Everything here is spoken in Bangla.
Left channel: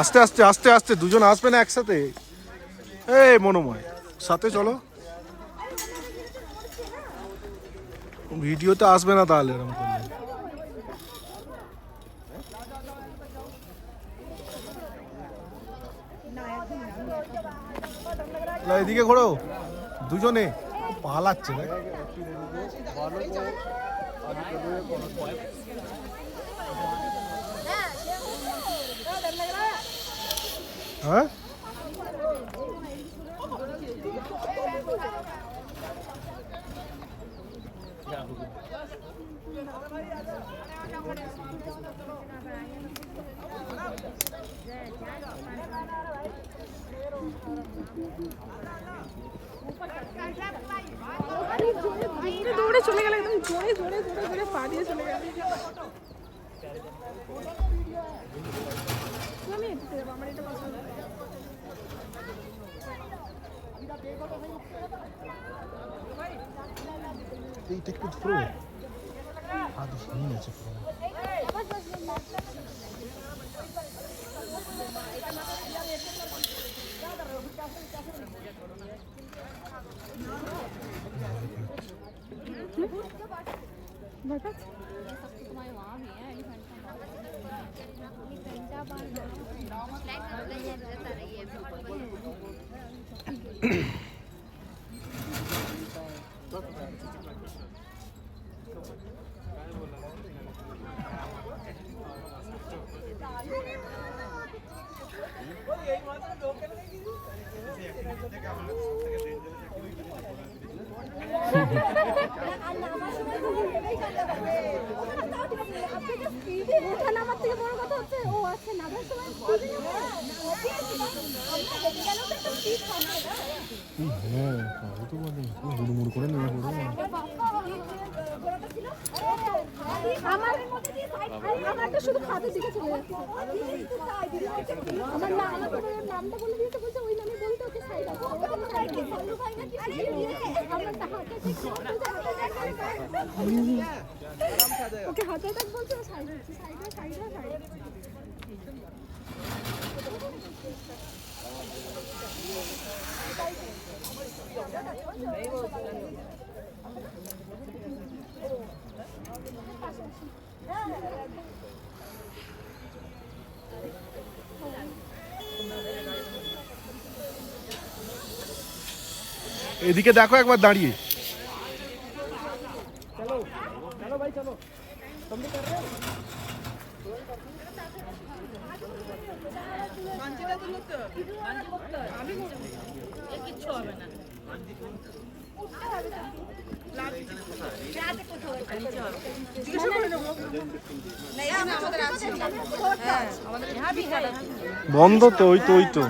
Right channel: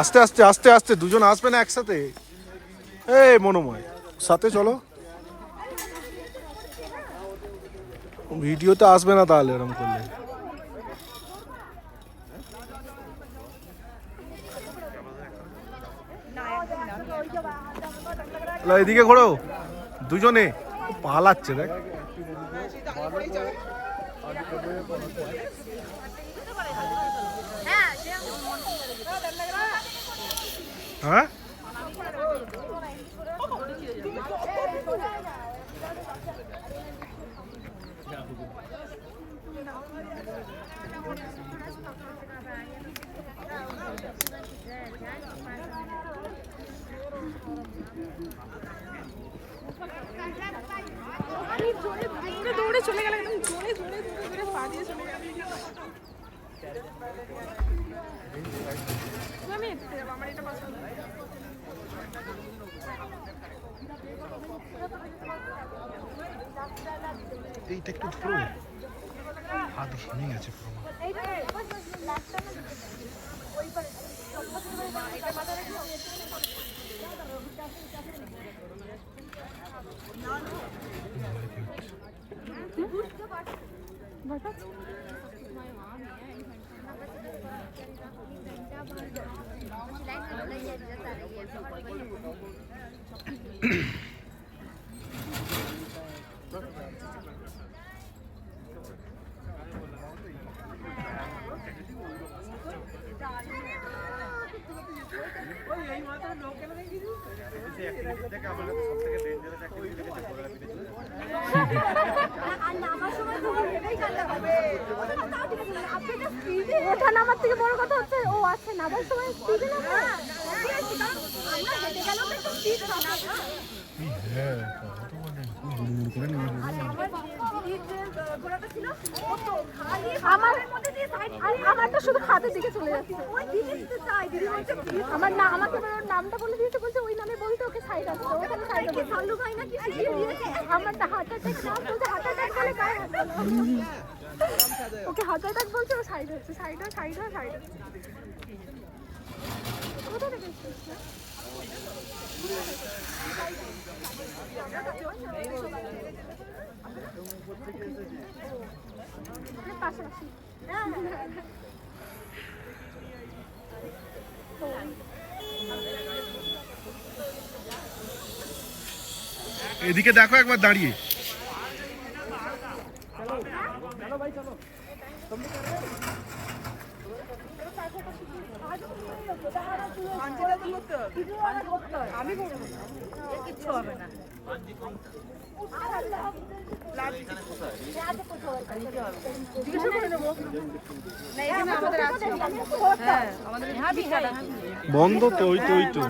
আস্তে আস্তে আস্তে আস্তে দুজন আসবে না একসাথে। এই মনোময় সাথে চলো, ভিডিওতে আসবে না তাহলে এরকম করলে। এদিকে ঘোরো, দুজনে পালাচ্ছে দেখ। হ্যাঁ দৌড়ে চলে গেল, একদম জোরে জোরে জোরে জোরে পা দিয়ে চলে গেল। আমি একটু যাবো, আমার এটা পছন্দ। এইটা একটু ধরো, হাত ভেঙে গেছে পুরো। আমার থেকে বড় কথা হচ্ছে ও আছে নামার সময় আমারটা শুধু হাতে দিকে চলে যাচ্ছে। আমার না, আমাকে নামটা বলে দিয়েছে, বলছে ওই নামে বলতে ওকে সাইড আছে। সাল্লু ভাই না কি আমারটা হাতে ওকে হাতে দেখ বলছে, ও সাইড হয়েছে, সাইড সাইড সাইড। এদিকে দেখো একবার দাঁড়িয়ে। বন্ধ তো, ওই তো ওই তো।